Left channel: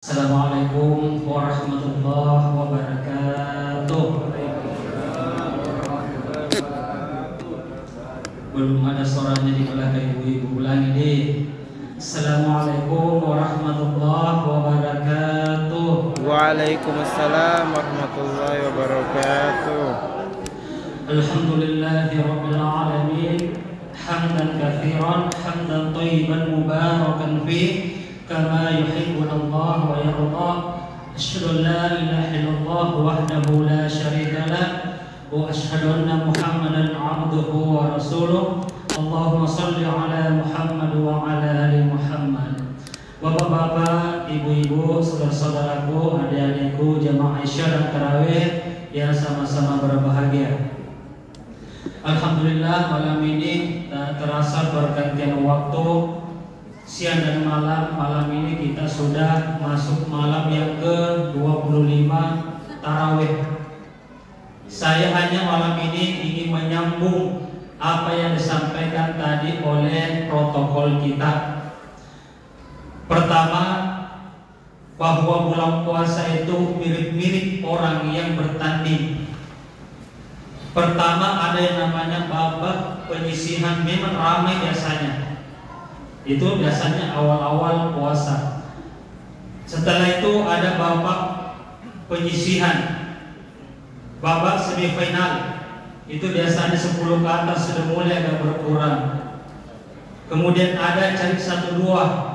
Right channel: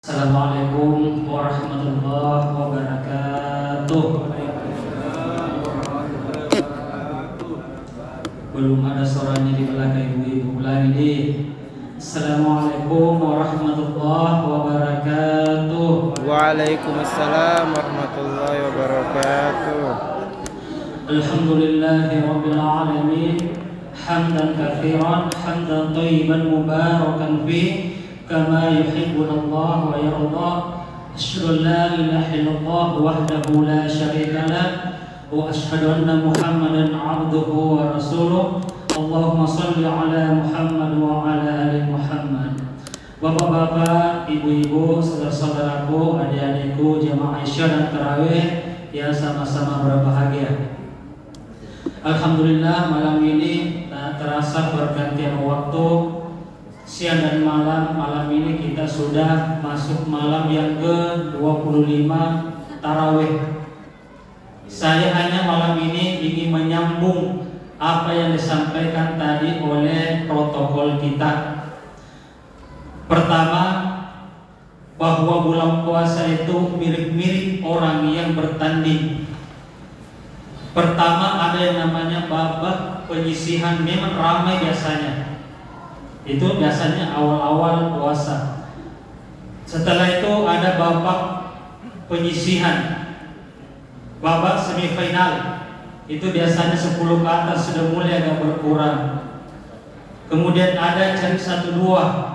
Assalamualaikum warahmatullahi wabarakatuh. Belum ada suaranya di belakang ibu-ibu, ulangi deh. Assalamualaikum warahmatullahi wabarakatuh. Waalaikumsalam warahmatullahi wabarakatuh. Alhamdulillahi rabbil alamin. Hamdan katsiran, hamdan thayyiban mubarakan fih. كما يحبنا الله ويرضى أشهد أن لا إله إلا الله وحده لا شريك له وأشهد أن محمدا عبده ورسوله اللهم صل على محمد وعلى آل محمد. Bapak-bapak, ibu-ibu, saudara-saudaraku, adik-adikku, jamaah Isya dan tarawih yang sama-sama berbahagia. Alhamdulillah, malam ini tak terasa pergantian waktu. Siang dan malam ini kita sudah masuk malam yang ke-25 tarawih. Saya hanya malam ini ingin menyambung apa yang disampaikan tadi oleh protokol kita. Pertama, bahwa bulan puasa itu mirip-mirip orang yang bertanding. Pertama ada yang namanya babak penyisihan, memang ramai biasanya. Itu biasanya awal-awal puasa. Setelah itu ada babak penyisihan, babak semifinal. Itu biasanya 10 ke atas sudah mulai agak berkurang. Kemudian ada cari 1-2.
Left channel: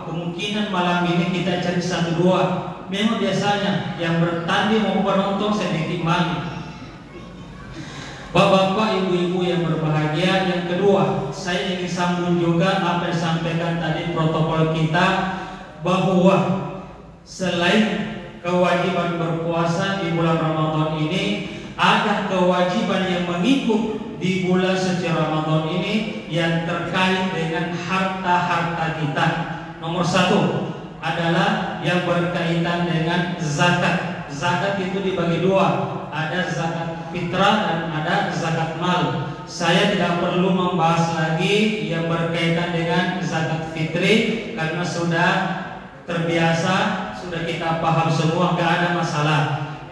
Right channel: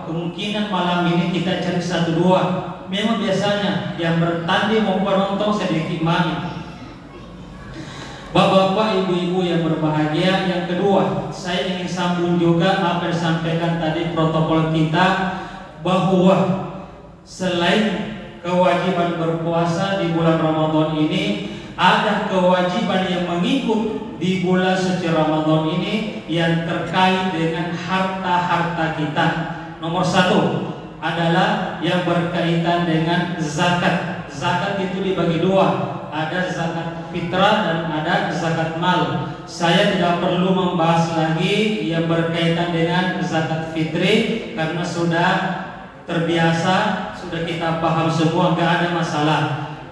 Kemungkinan malam ini kita cari 1-2. Memang biasanya yang bertanding mau penonton sedikit mami. Bapak-bapak, ibu-ibu yang berbahagia, yang kedua, saya ingin sambung juga apa yang disampaikan tadi protokol kita, bahwa selain kewajiban berpuasa di bulan Ramadan ini, ada kewajiban yang mengikut di bulan suci Ramadan ini yang terkait dengan harta-harta kita. Nomor 1 adalah yang berkaitan dengan zakat. Zakat itu dibagi 2, ada zakat fitrah dan ada zakat mal. Saya tidak perlu membahas lagi yang berkaitan dengan zakat fitri karena sudah terbiasa, sudah kita paham semua, tidak ada masalah.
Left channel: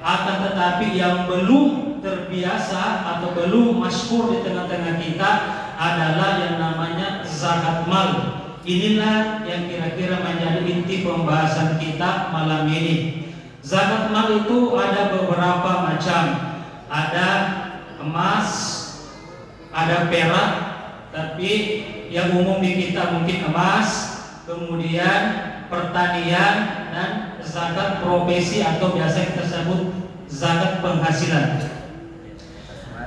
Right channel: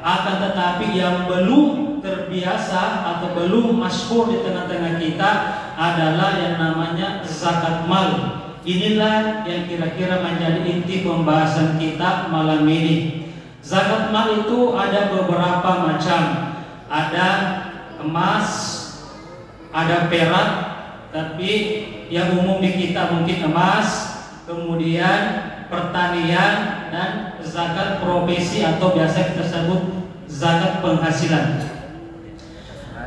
Akan tetapi yang belum terbiasa atau belum masyhur di tengah-tengah kita adalah yang namanya zakat mal. Inilah yang kira-kira menjadi inti pembahasan kita malam ini. Zakat mal itu ada beberapa macam. Ada emas, ada perak, tapi yang umum di kita mungkin emas, kemudian pertanian, dan zakat profesi atau biasa kita sebut zakat penghasilan.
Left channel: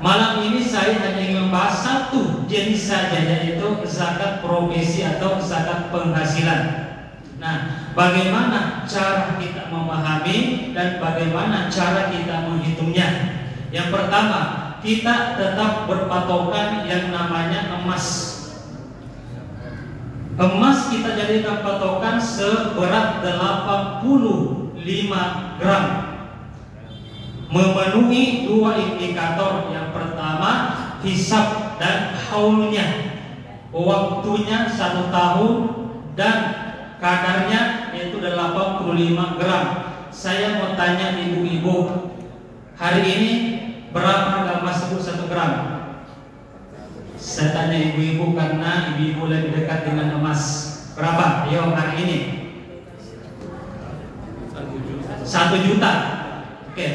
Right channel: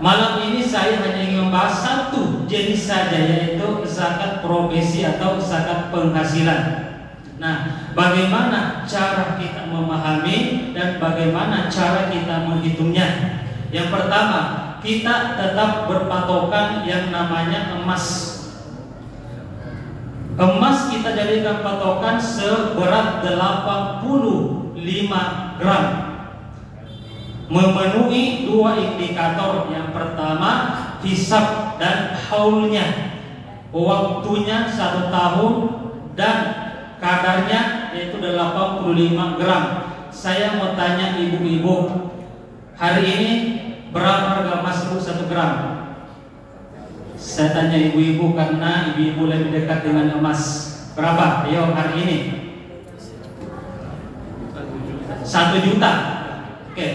Malam ini saya hanya ingin membahas satu jenis saja, yaitu zakat profesi atau zakat penghasilan. Nah, bagaimana cara kita memahami dan bagaimana cara kita menghitungnya? Yang pertama, kita tetap berpatokan yang namanya emas. Emas kita jadikan patokan seberat 85 gram. Memenuhi 2 indikator. Yang pertama, hisab dan haulnya. Waktunya 1 tahun dan kadarnya yaitu 85 gram. Saya mau tanya ibu-ibu, hari ini berapa harga emas 1 gram? Saya tanya ibu-ibu karena ibu-ibu lebih dekat dengan emas. Berapa? Ayo hari ini 1 juta. Oke.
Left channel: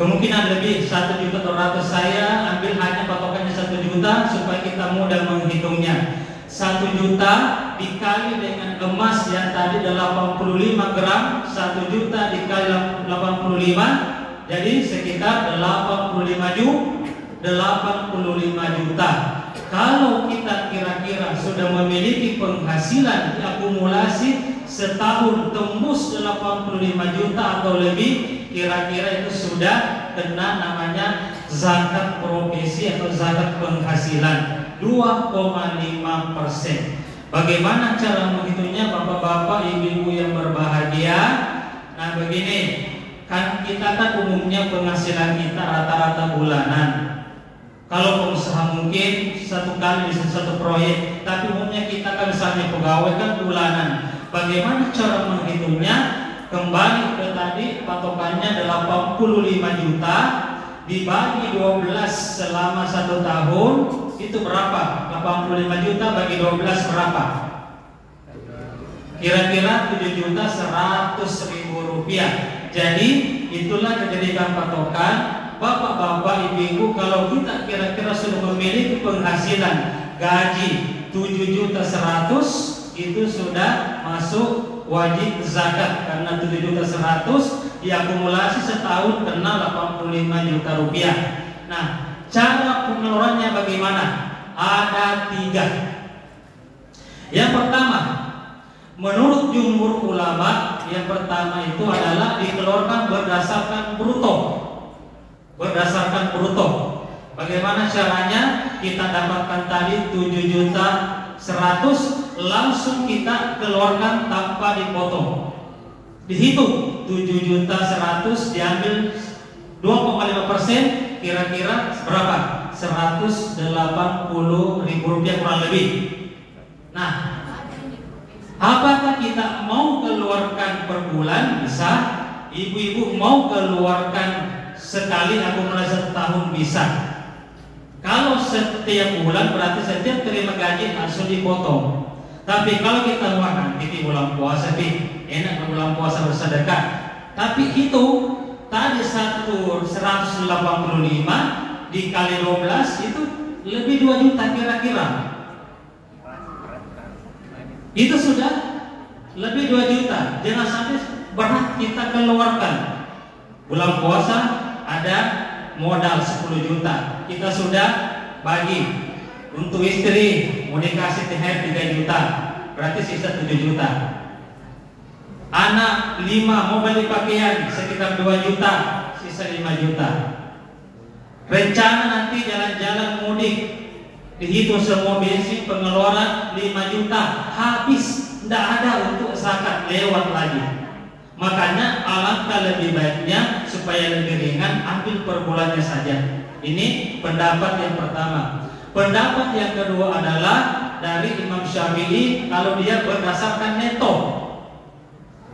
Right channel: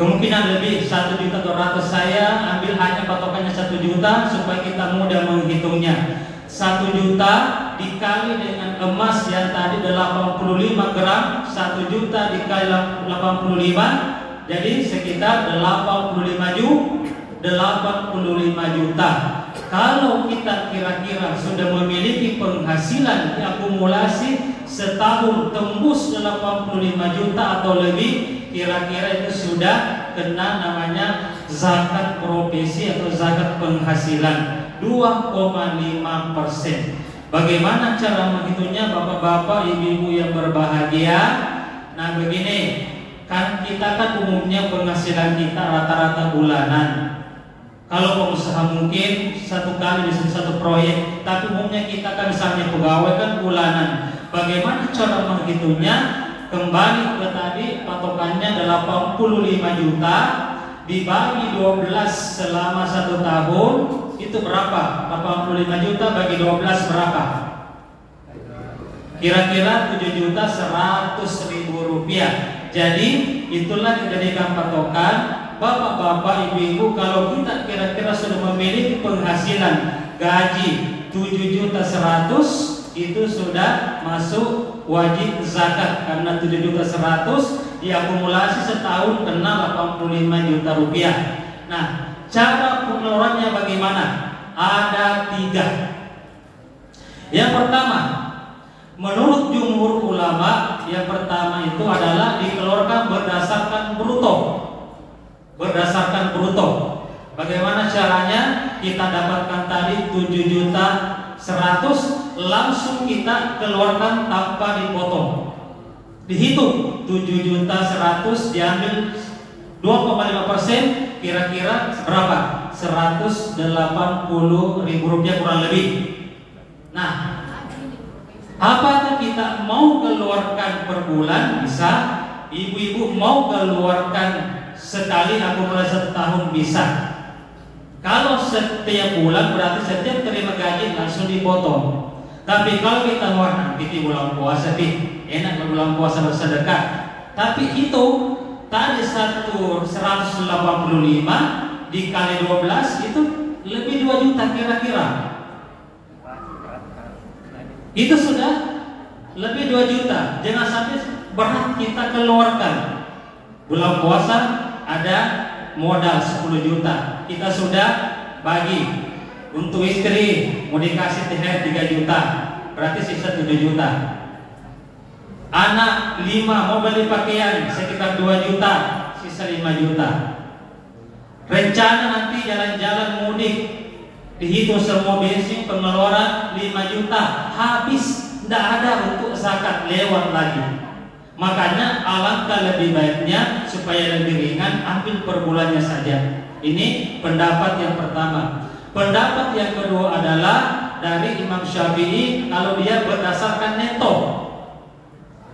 Kemungkinan lebih 1.200.000. Saya ambil hanya patokannya 1 juta supaya kita mudah menghitungnya. 1 juta dikali dengan emas yang tadi 85 gram, 1 juta dikali 85, jadi sekitar 85 juta. Kalau kita kira-kira sudah memiliki penghasilan diakumulasi setahun tembus 85 juta atau lebih, kira-kira itu sudah kena namanya zakat profesi atau zakat penghasilan 2,5%. Bagaimana cara menghitungnya bapak-bapak, ibu-ibu yang berbahagia? Nah begini, kan kita kan umumnya penghasilan kita rata-rata bulanan. Kalau pengusaha mungkin 1 kali bisa 1 proyek, tapi umumnya kita kan misalnya pegawai kan bulanan. Bagaimana cara menghitungnya? kembali ke tadi patokannya 85 juta dibagi 12 selama 1 tahun itu berapa? 85 juta bagi 12 berapa? Kira-kira 7.100.000 rupiah. Jadi itulah dijadikan patokan bapak-bapak, ibu-ibu, kalau kita kira-kira sudah memiliki penghasilan gaji 7.100.000 itu sudah masuk wajib zakat karena 7.100.000 diakumulasi setahun kena 85 juta rupiah. Nah, cara pengeluarannya bagaimana? Ada 3. Yang pertama, menurut jumhur ulama, yang pertama itu adalah dikeluarkan berdasarkan bruto. Berdasarkan bruto. Bagaimana caranya? Kita dapatkan tadi 7.100.000 langsung kita keluarkan tanpa dipotong. Dihitung 7.100.000 diambil 2,5%, kira-kira berapa? 180.000 rupiah kurang lebih. Nah, apakah kita mau keluarkan per bulan? Bisa. Ibu-ibu mau keluarkan sekali akumulasi setahun? Bisa. Kalau setiap bulan berarti setiap terima gaji langsung dipotong. Tapi kalau kita nanti bulan puasa, enak bulan puasa bersedekah. Tapi itu tadi 185 dikali 12 itu lebih 2 juta kira-kira. Itu sudah lebih 2 juta. Jangan sampai berat kita keluarkan. Bulan puasa ada modal 10 juta. Kita sudah bagi untuk istri mau dikasih THR 3 juta, berarti sisa 7 juta. Anak 5 mau beli pakaian sekitar 2 juta, sisa 5 juta. Rencana nanti jalan-jalan mudik, dihitung semua bensin pengeluaran 5 juta, habis, tidak ada untuk zakat, lewat lagi. Makanya alangkah lebih baiknya supaya lebih ringan ambil per bulannya saja. Ini pendapat yang pertama. Pendapat yang kedua adalah dari Imam Syafi'i, kalau dia berdasarkan neto.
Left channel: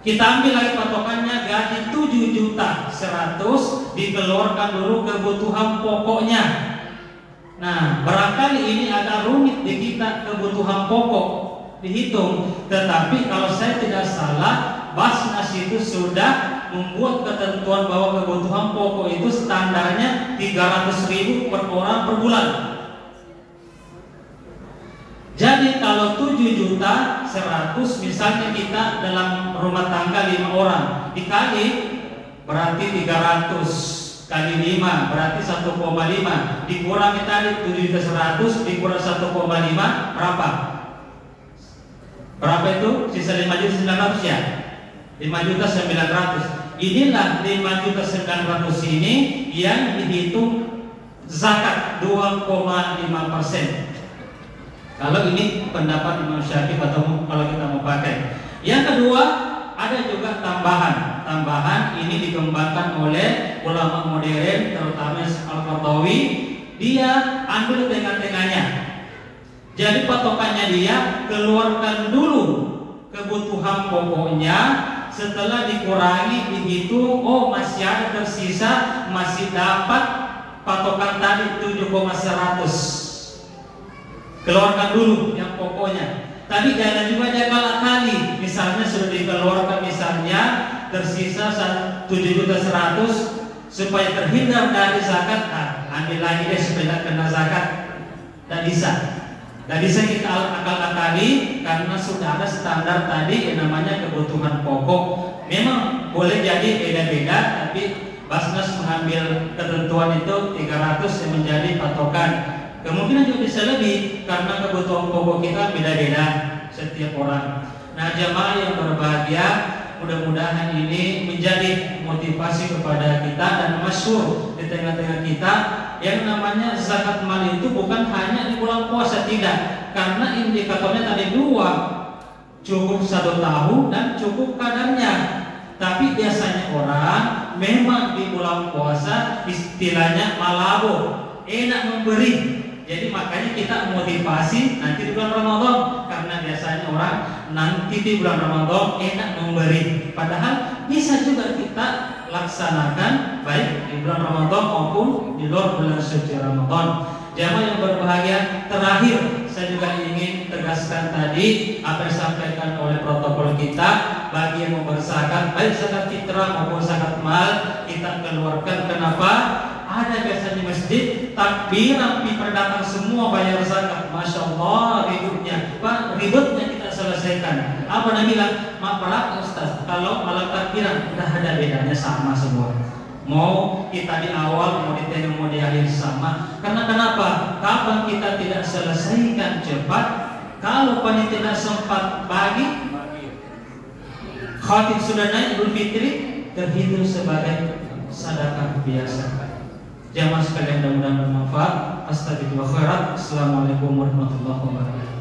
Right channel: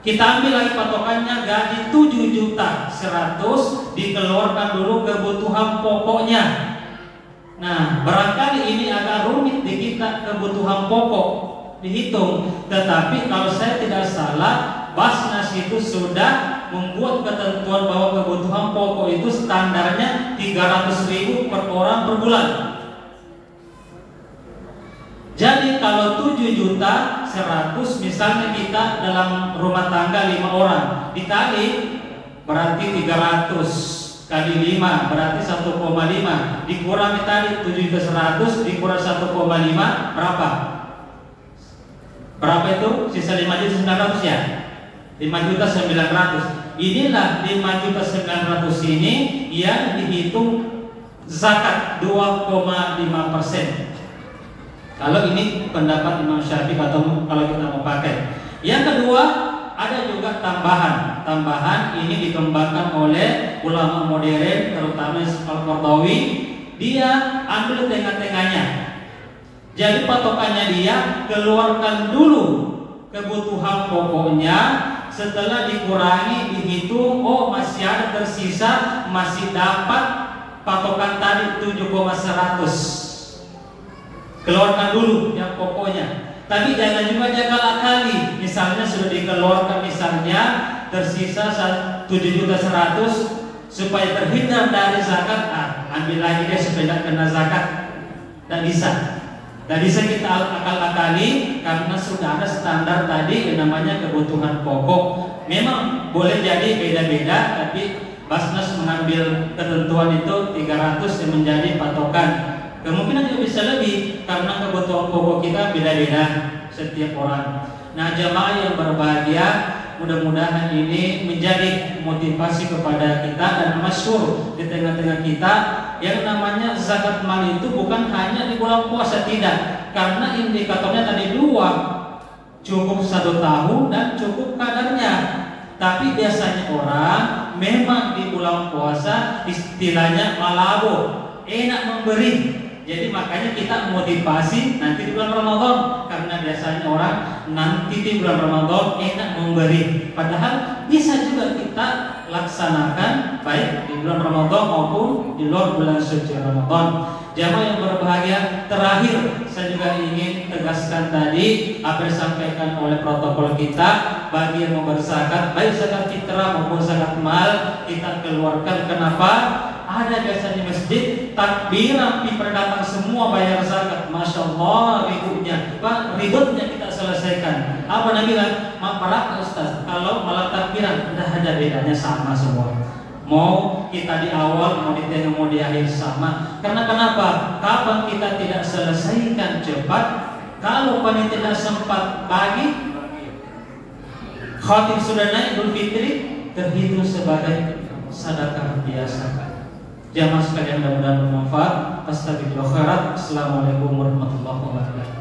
Kita ambil lagi patokannya gaji 7.100.000 dikeluarkan dulu kebutuhan pokoknya. Nah, barangkali ini agak rumit di kita kebutuhan pokok dihitung, tetapi kalau saya tidak salah Basnas itu sudah membuat ketentuan bahwa kebutuhan pokok itu standarnya 300.000 per orang per bulan. Jadi kalau 7.100.000 misalnya kita dalam rumah tangga 5 orang dikali berarti 300 kali 5 berarti 1,5 dikurangi tadi 7.100.000 dikurang 1,5 berapa? Berapa itu? Sisa 5.900 ya? 5.900. Inilah 5.900 ini yang dihitung zakat 2,5%. Kalau ini pendapat Imam Syafi'i atau kalau kita mau pakai. Yang kedua ada juga tambahan ini dikembangkan oleh ulama modern terutama Al-Qardawi. Dia ambil tengah-tengahnya. Jadi patokannya dia keluarkan dulu kebutuhan pokoknya, setelah dikurangi dihitung, oh masih ada tersisa, masih dapat patokan tadi 7.100. Keluarkan dulu yang pokoknya. Tapi jangan juga jaga akali. Misalnya sudah dikeluarkan misalnya tersisa 7.100.000 supaya terhindar dari zakat, ambil lagi deh supaya kena zakat. Dan bisa. Dan bisa kita akal-akali karena sudah ada standar tadi yang namanya kebutuhan pokok. Memang boleh jadi beda-beda, tapi Basnas mengambil ketentuan itu 300 yang menjadi patokan. Kemungkinan juga bisa lebih karena kebutuhan pokok kita beda-beda setiap orang. Nah, jamaah yang berbahagia, mudah-mudahan ini menjadi motivasi kepada kita dan masyhur di tengah-tengah kita. Yang namanya zakat mal itu bukan hanya di bulan puasa, tidak, karena indikatornya tadi 2, cukup 1 tahun dan cukup kadarnya. Tapi biasanya orang memang di bulan puasa istilahnya malabo, enak memberi. Jadi makanya kita motivasi nanti di bulan Ramadan, karena biasanya orang nanti di bulan Ramadan enak memberi, padahal bisa juga kita laksanakan baik di bulan Ramadan maupun di luar bulan suci Ramadan. Jamaah yang berbahagia, terakhir saya juga ingin tegaskan tadi apa yang disampaikan oleh protokol kita, bagi yang mau berzakat baik zakat fitrah maupun zakat mal kita keluarkan. Kenapa? Ada biasa di masjid takbiran diperdatang semua bayar zakat, masya Allah ributnya kita selesaikan. Apa Nabi bilang? Maaf Ustaz, kalau malam takbiran udah ada bedanya sama semua. Mau kita di awal, mau di tengah, mau di akhir sama. Karena kenapa? Kapan kita tidak selesaikan cepat, kalau panitia sempat bagi, khatib sudah naik Idul Fitri, terhitung sebagai sedekah biasa. Jamaah sekalian mudah-mudahan bermanfaat. Astagfirullah khairat. Assalamualaikum warahmatullahi wabarakatuh.